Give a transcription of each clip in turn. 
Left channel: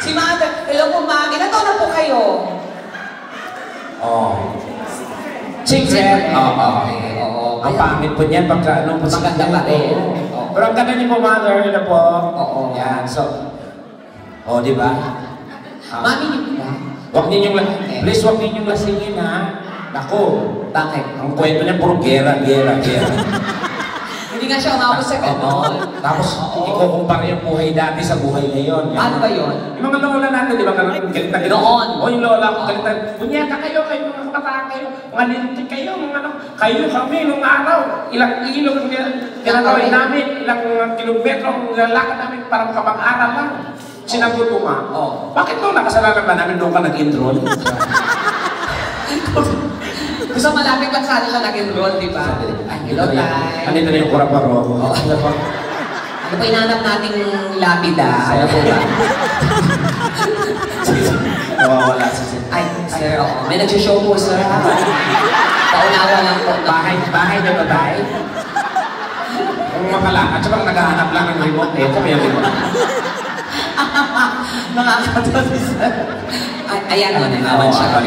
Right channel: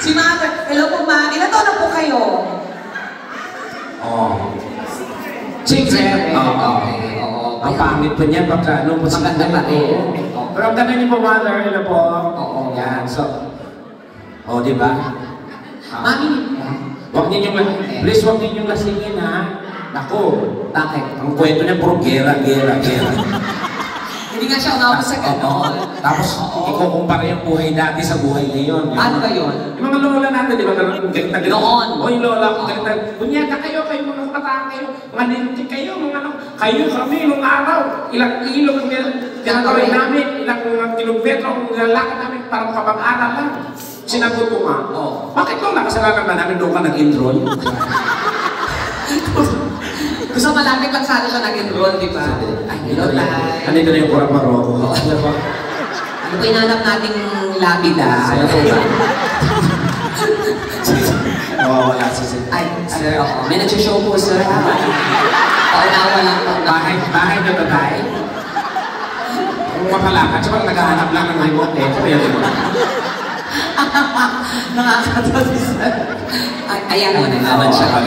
Si Mother. Hello po, Ma. Ilan taon na po kayo? Oh. Chicken. Oo. Ang pangit po niyan pagka ano po sa ganda pa rin. Pero ang ganda niyo po, Mother. Yun na po. Oo. Yan. So. Oh, di ba? Mami. Huwag ninyong please huwag ninyong lasingin, ha? Naku. Bakit? Ang kwento niya puro gera. Hindi nga siya umabot sa gano'n. Tapos, ikukumpara yung buhay dati sa buhay ngayon. Paano ba yun? Yung mga lola natin, di ba? Galit na noon. O yung lola ko, galit na. Kunyata kayo, mga kabataan kayo. Mga lintik kayo, mga ano. Kayo kami, nung araw. Ilang ilog ang ginagawin namin. Ilang kilometro ang lalakad namin para makapag-aral lang. Sinagot ko nga, bakit nung nakasalanan ba namin nung ka nag-enroll? Gusto malapit lang sana siya nag-enroll, di ba? Ay, hello, Tay. Andito na yung kurap-maro. Ano po inanap nating lapida? Ano po ba? Nawawala si Sir. Ay, sir, may nagsishow po, sir. Paunawa lang po. Bahay na ba tayo? Kung makalakad, siya bang naghahanap lang ng remote eh. Sabi yung remote. Nakakatawa si sir. Ayan naman, naglaman siya.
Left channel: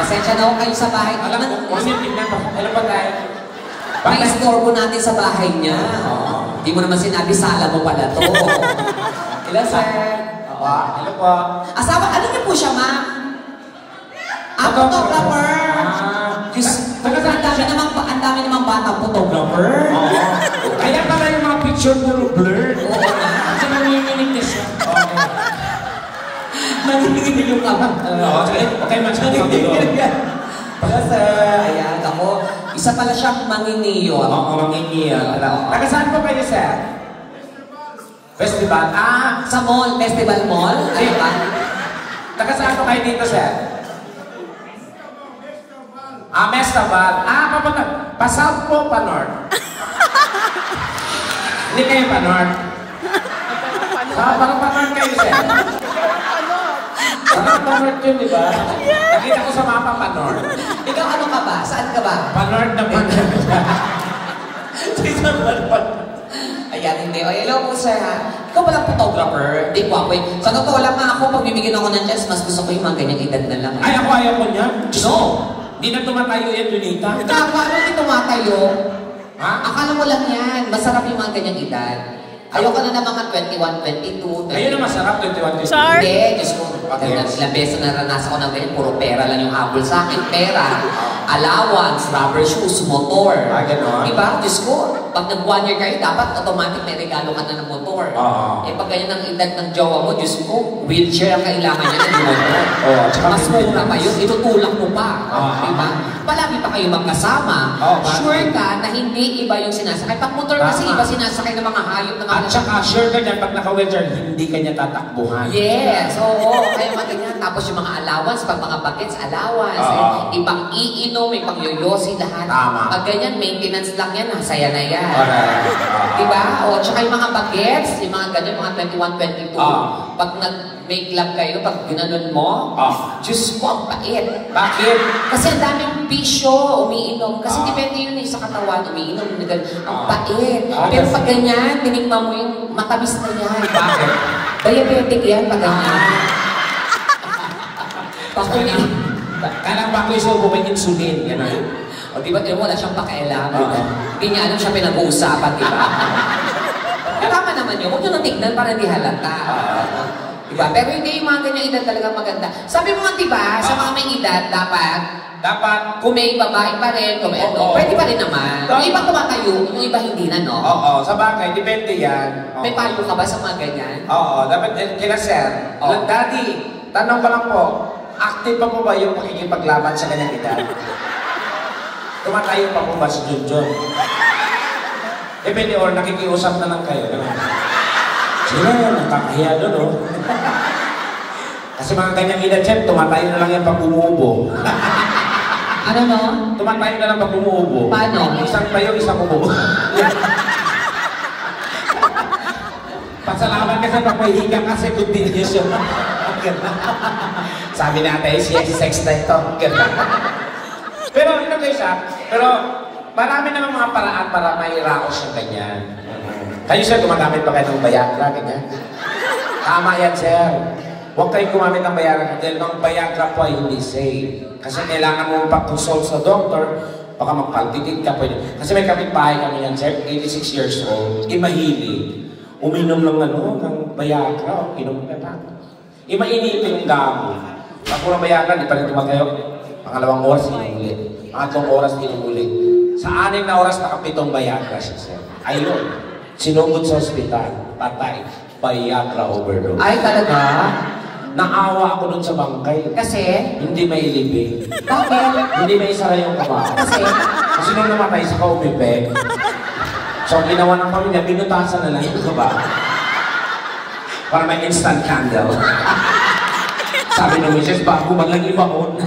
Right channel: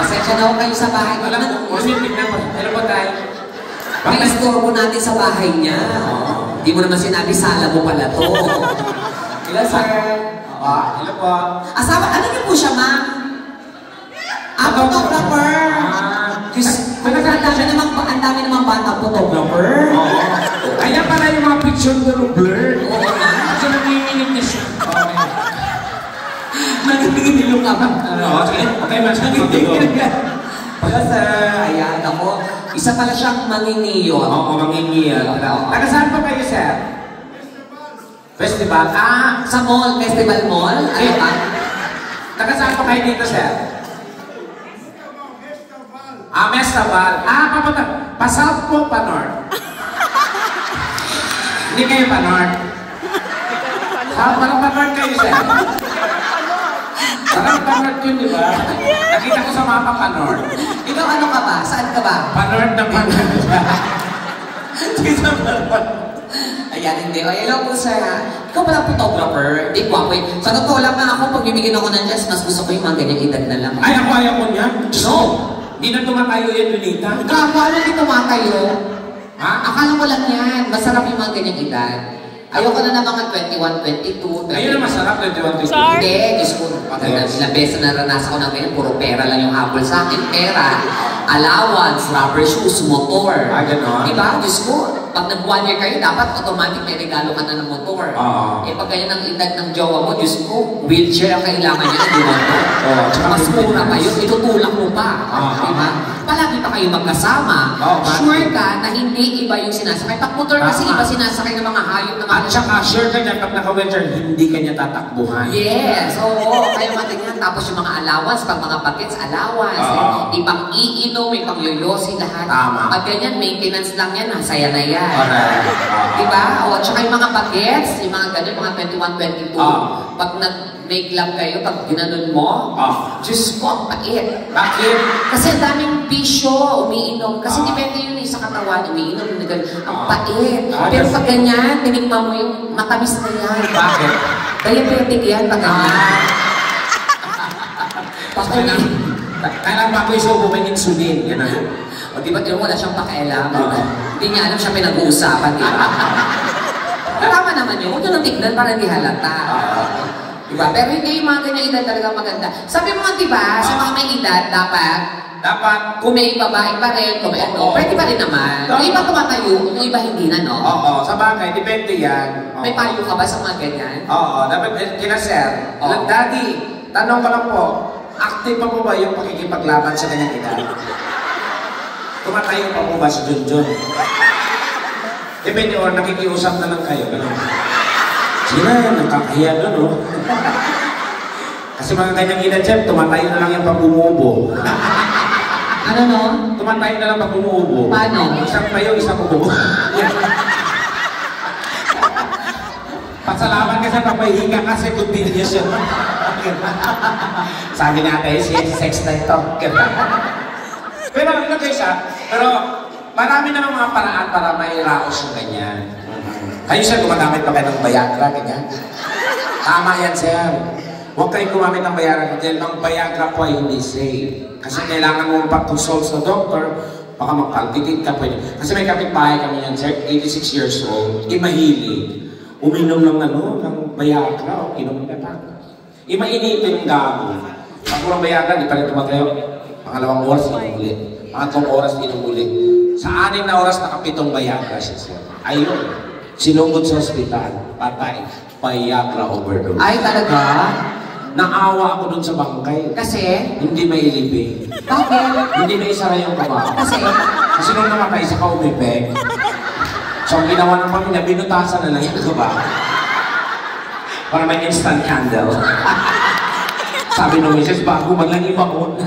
Pasensya na ako kayo sa bahay. Alam mo, tignan pa. Ano ba tayo? Pakistorbo natin sa bahay niya. Hindi mo naman sinabi, sala mo pala to. Hello, sir. Hello po. Asawa, ano na po siya, ma'am? Photographer. Ang dami namang bata photographer. Kaya pala yung mga picture puro blur. Kasi nanginginig niya siya. Nanginginig ka ba? Okay, masyadong. Hello, sir. Ayan, ako. Isa pala siyang mangingiyon. Oo, mangingiyon. Taga saan po kayo, sir? Festival? Sa mall. Festival Mall? Ayun ka? Taga saan po kayo dito, sir? Festival. Papunta. Pa-south po, pa-north. Hindi kayo pa-north. Parang pa-north kayo, sir. Parang pa-north yun, di ba? Nakita ko sa mapa pa-north. Ikaw ano ka ba? Saan ka ba? Pa-north na pa-north. Ayan, hindi. O, hello po, sir, ha? Ikaw palang photographer. Di ko ako eh. Sa totoo lang na ako, pag bibigyan ako ng chance, mas gusto ko yung mga ganyang edad na lang. Ay, ako ayaw ko niyan. No! Hindi na tumatayo yan, Lunita. Akala hindi tumatayo. Ha? Akala mo lang yan. Masarap yung mga ganyang edad. Ayoko na ng mga 21, 22. Ayun na masarap, 21, 22. Hindi, Diyos ko. Ilang beses na naranasan ko ng ganyan, puro pera lang yung habol sa akin. Pera, allowance, rubber shoes, motor. Gano'n? Diba? Diyos ko, pag nag-1 year kayo, dapat automatic may regalo ka na ng motor. Pag ganyan ang edad ng jowa mo, Diyos ko, wheelchair ang kailangan niya ng motor. Mas mura pa yun, itutulak mo pa. Diba? Palagi pa kayo magkasama. Sure ka na hindi iba yung sinasakay. Pag motor kasi iba sinasakay ng mga hayop ng at saka sure ka niya, pag naka-wheelchair, hindi ka niya tatakbuhan. Yes, oo. Kaya matingnan. Tapos yung mga allowance, pag mga packets, allowance. Ibang iinom, may pangyoyosi lahat. Pag ganyan, maintenance lang yan, nasaya na yan. Diba? O, tsaka yung mga bagets, yung mga ganyan, mga 21, 22. Pag nag-make love kayo, pag ginanon mo, Diyos ko, ang pait. Bakit? Kasi ang daming bisyo, umiinom. Kasi depende yun sa katawan, umiinom. Ang pait. Pero pag ganyan, tinikman mo yung matamis na yan. Bakit? Diabetic yan, pag ganyan. Kailangan ba ko isubo may insulin? O diba, wala siyang pakialam. Hindi niya alam siya pinag-uusapan, diba? Tama naman yun. Huwag nyo nang tignan para hindi halata. Diba? Pero hindi yung mga ganyang edad talaga maganda. Sabi mo nga, diba, sa mga may edad, dapat kung may babae pa rin, kung may ano, pwede pa rin naman. Yung iba tumatayo, yung iba hindi na, no? Oo, sa bagay, depende yan. May payo ka ba sa mga ganyan? Oo, dapat kina sir. Daddy, tanong ko lang po, active pa po ba yung makikipaglaban sa kanyang edad? Tumatayo pa po ba si Junjun? Depende, or nakikiusap na lang kayo. Sila, nakakahiya doon, oh. Kasi mga ganyang edad, chef, tumatayo na lang yung pag umuubo. Ano no? Tumatayo na lang pag umuubo. Paano? Isang tayo, isang umuubo. Pasalamat kasi pag may higa kasi continuous yun. Sabi natin, sex na ito. Pero ano kayo siya? Pero marami na mga paraan para mairaos yung ganyan. Kayo siya, gumagamit pa kayo ng Viagra, ganyan. Tama yan, sir. Huwag kayong gumamit ng Viagra dahil ang Viagra po ay hindi safe. Kasi kailangan mo pag-consult sa doktor, baka magpalpitit ka pwede. Kasi may kapitbahay kami yan, sir, 86 years old, mahilig. Uminom ng ng Viagra, inom na pa. Mainit yung gamo. Pag puro Viagra, di pa rin tumatayo. Pangalawang oras, inom ulit. Pangatlong oras, inom ulit. Sa 6 na oras, nakapitong Viagra siya, sir. Ayun, sinugod sa ospital, patay. Viagra overdose. Ay, talaga? Naawa ako dun sa bangkay. Kasi? Hindi may ilibing. Bakit? Hindi may isara yung kamao. Kasi nung namatay sa kaumipeg. So ang ginawa ng pamilya, binutasan na lang yung ba? Para may instant candle. Sabi ng Mrs. bago man lang ibaon.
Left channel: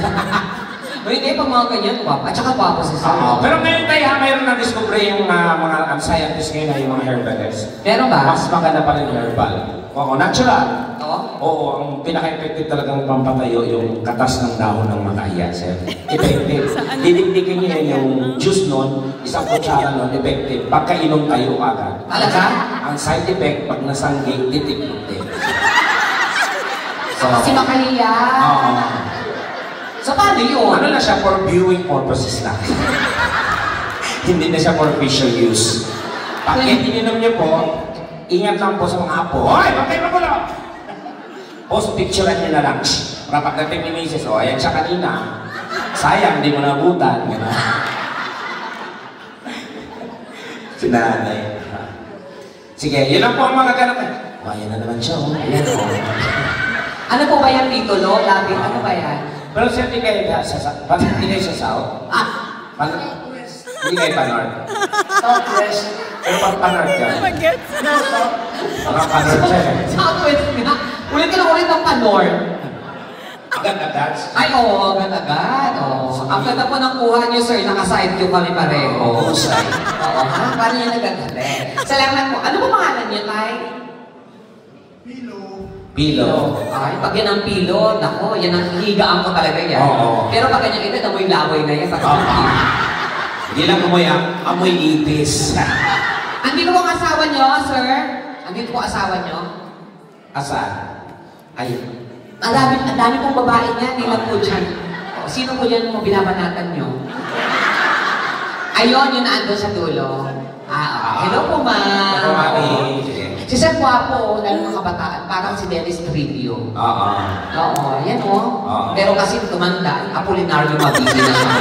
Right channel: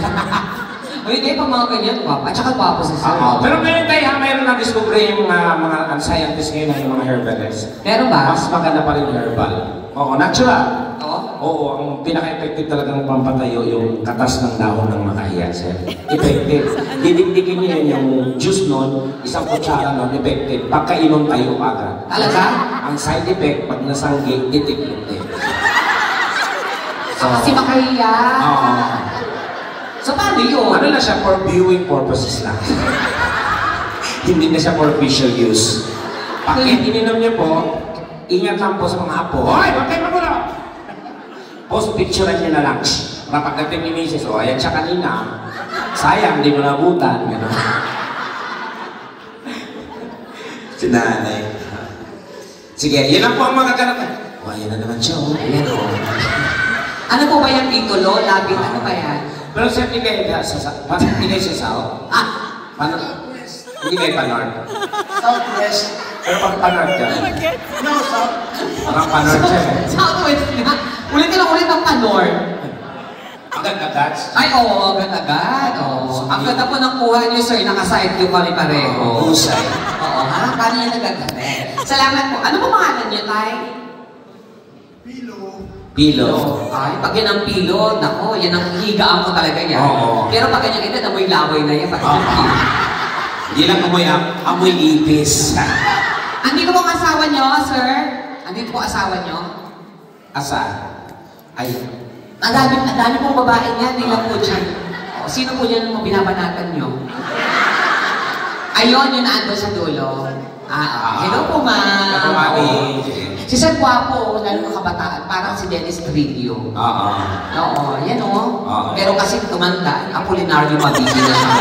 Hindi, pag mga ganyan, guwapa. At saka guwapo si Sir. Pero ngayon tayo, mayroon na-discover yung mga scientists ngayon na yung mga herbalists. Meron ba? Mas maganda pa rin herbal. Oo, natural. Oo? Oo, ang pinaka-effective talagang pampatayo yung katas ng dahon ng makahiya, sir. Effective. Didikdikin niyo yan yung juice nun, isang kutsara nun, effective. Pagkainom tayo agad. Talaga? Ang side effect, pag nasanggay, titik-titik. So, Si Makahiya. Oo. So, paano yun? Ano na siya, for viewing purposes lang. Hindi na siya for visual use. Pag ininom niyo po, ingat lang po sa mga apo. Hoy! Bakit kayo magulo? Post picturean niya na lang. Para pagdating ni Mrs. O, ayan siya kanina. Sayang, hindi mo nabutan. Si nanay. Sige, yun lang po ang mga ganap. O, ayan na naman siya. Ano po ba yan, titulo? Labit? Ano ba yan? Pero sir, hindi kayo sasaw? Hindi kayo panord? Southwest. Pero pag panord ka? No, South. Parang panord siya eh. Southwest nga. Ulit ka lang ulit ang panor. Agad-agad? Ay, oo, agad-agad. Oo. Ang ganda po ng kuha niyo, sir. Naka-side view kami pareho. Husay. Oo, ha? Paano niya nagagaling? Salamat po. Ano po pangalan niyo, Tay? Pilo. Pilo. Ay, pag yan ang pilo, nako, yan ang higaan ko talaga yan. Oo. Pero pag ganyan ito, amoy laway na yan. Hindi lang amoy ipis. Andito po ang asawa niyo, sir? Andito po asawa niyo? Asa? Ay. Ang dami pong babae niya, hindi lang po dyan. O, sino po dyan ang binabanatan niyo? Ayun, yun ando sa dulo. Hello po, ma'am. Hello, mami. Si Sir Guapo, lalo ng kabataan, parang si Dennis Trillo. Oo, yan o. Pero kasi tumanda, Apolinario Mabini na siya.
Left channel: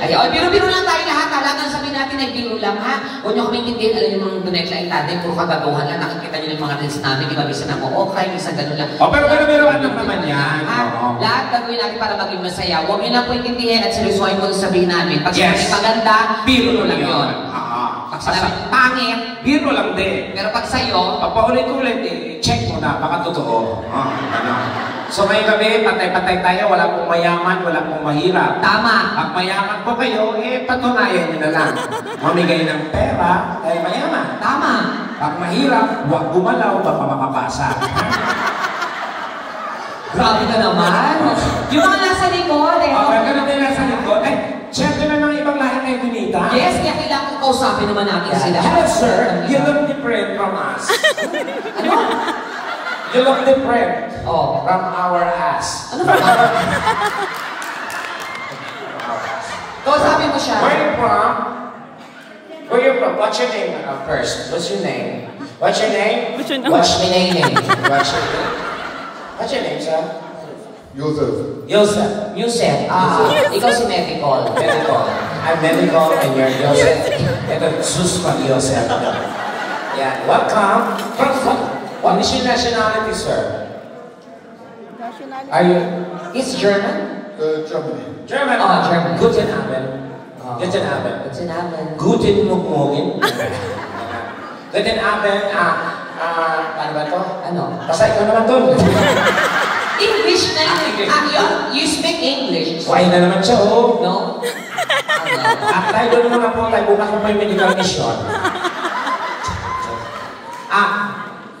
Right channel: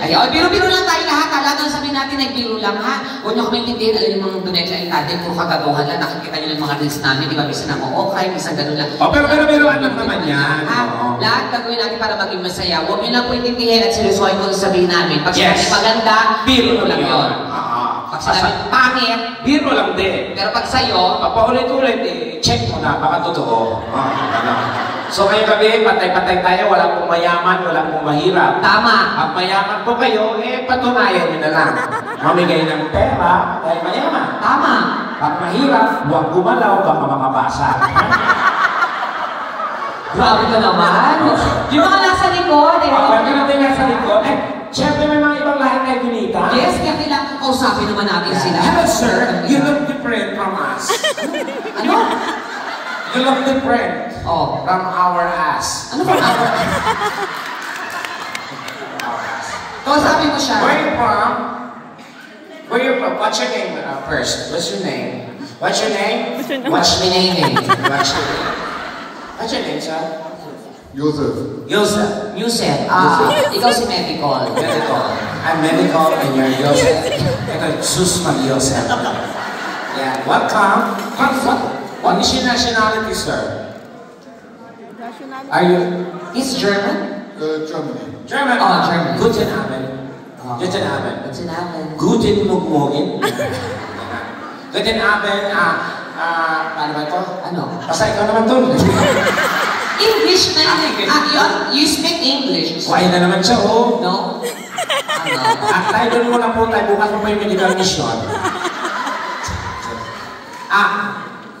Ay, biro-biro lang tayo lahat. Talagang sabihin natin, nagbiro lang ha. Huwag niyo kami intindihin, alam niyo mga donate lang natin, puro kagagawan lang. Nakikita niyo ng mga reels namin, di ba? Bisa na okay, bisa ganun lang. Pero ano naman yan? Lahat gagawin natin para maging masaya. Huwag niyo lang po intindihin at seryosohin mo sabihin namin. Pag sinabi maganda, biro lang yun. Pag sinabi pangit, biro lang din. pero pag sa'yo, Pag paulit-ulit, check mo na, baka totoo. So ngayong gabi, patay-patay tayo, wala pong mayaman, wala pong mahirap. tama. Pag mayaman po kayo, patunayan nyo na lang. Mamigay ng pera, dahil mayaman. Tama. Pag mahirap, huwag gumalaw, baka makabasa. Grabe ka naman. Yung mga nasa likod, eh. Pag natin nasa likod, syempre may mga ibang lahi kayo binita. Yes, kaya kailangan kausapin naman natin sila. Hello sir, you look different from us. Ano? You look different Oh. from our ass. Ano ba? Kausapin mo siya. Where you from? Where you from? What's your name first? What's your name? What's your name? What's your name? What's your name, sir? Joseph. Yosef. Yusef. Ikaw si Medical. Medical. I'm medical and you're Yosef. Ito, Sus Yosef. Yeah, welcome. What is your nationality, sir? Are you He's German? Germany. German? Oh, German. Guten Abend. Guten Abend. Guten Abend. Guten Morgen. Guten Abend. Paano ba ito? Ano? Basta ikaw naman to. English na yun. You speak English. So, ayun na naman siya, oh. No? Tayo doon muna po tayo. Bukas po may medical mission.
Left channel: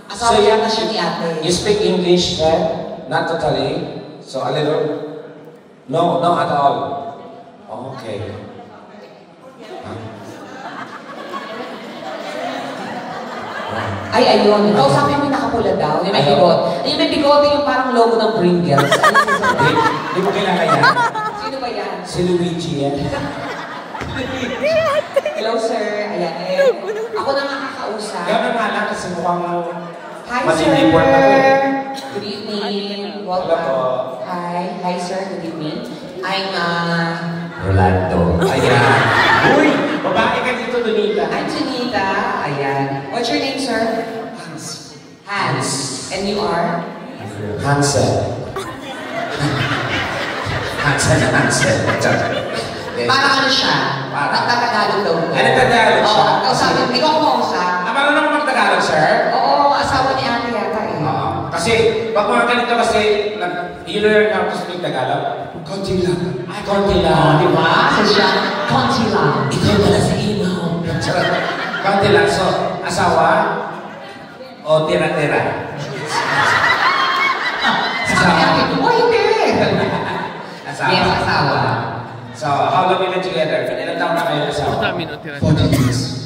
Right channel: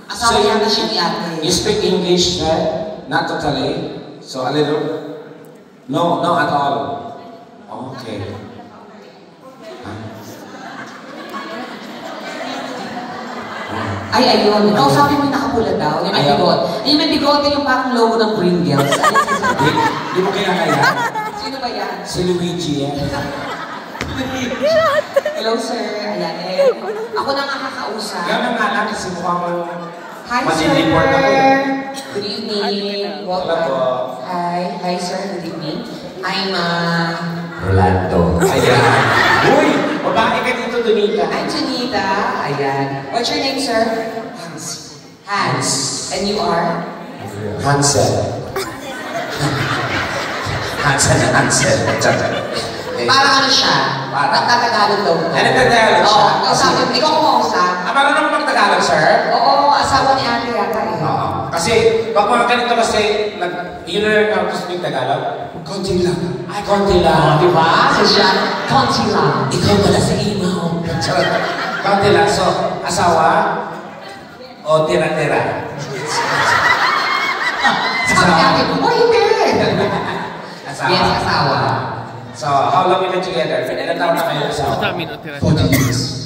Asawa yata siya ni ate. You speak English, sir? Not totally. So, a little? No, not at all. Okay. Ay, ayun. Kausapin mo yung nakapula pula daw. Yung may Ayaw. bigote. Yung may bigote yung parang logo ng Pringles. Di mo kinakaya? Sino ba yan? Si Luigi yan. Hello, sir. Ayan, ako na nga kakausap. Gano'n nga lang kasi mukhang Hi, mag-report ako. sir. Good evening. Hello po. Welcome. Hi, sir. Good evening. I'm, Rolando. Ayan. Uy! Babae ka dito, Donita. I'm Janita. Ayan. What's your name, sir? Hans. Hans. And you are? Hansel. Hansel. Parang ano siya? Nagtatagalog daw. Ay, nagtagalog siya? Oo. Kausapin. Ikaw kumausap. Marunong ka mag-Tagalog, sir? Oo, asawa ni ate yata eh. Oo. Kasi, pag mga ganito kasi, nag-learn ako sa Tagalog. Konti lang. Ay, konti lang. Di ba? So siya, konti lang. Ikaw pala sa imo. Konti lang. So, asawa o tira-tira? Sabi natin, oh hindi! Asawa. Yes, asawa. So, how long you been together? Ilan taon na kayo asawa? 40 years.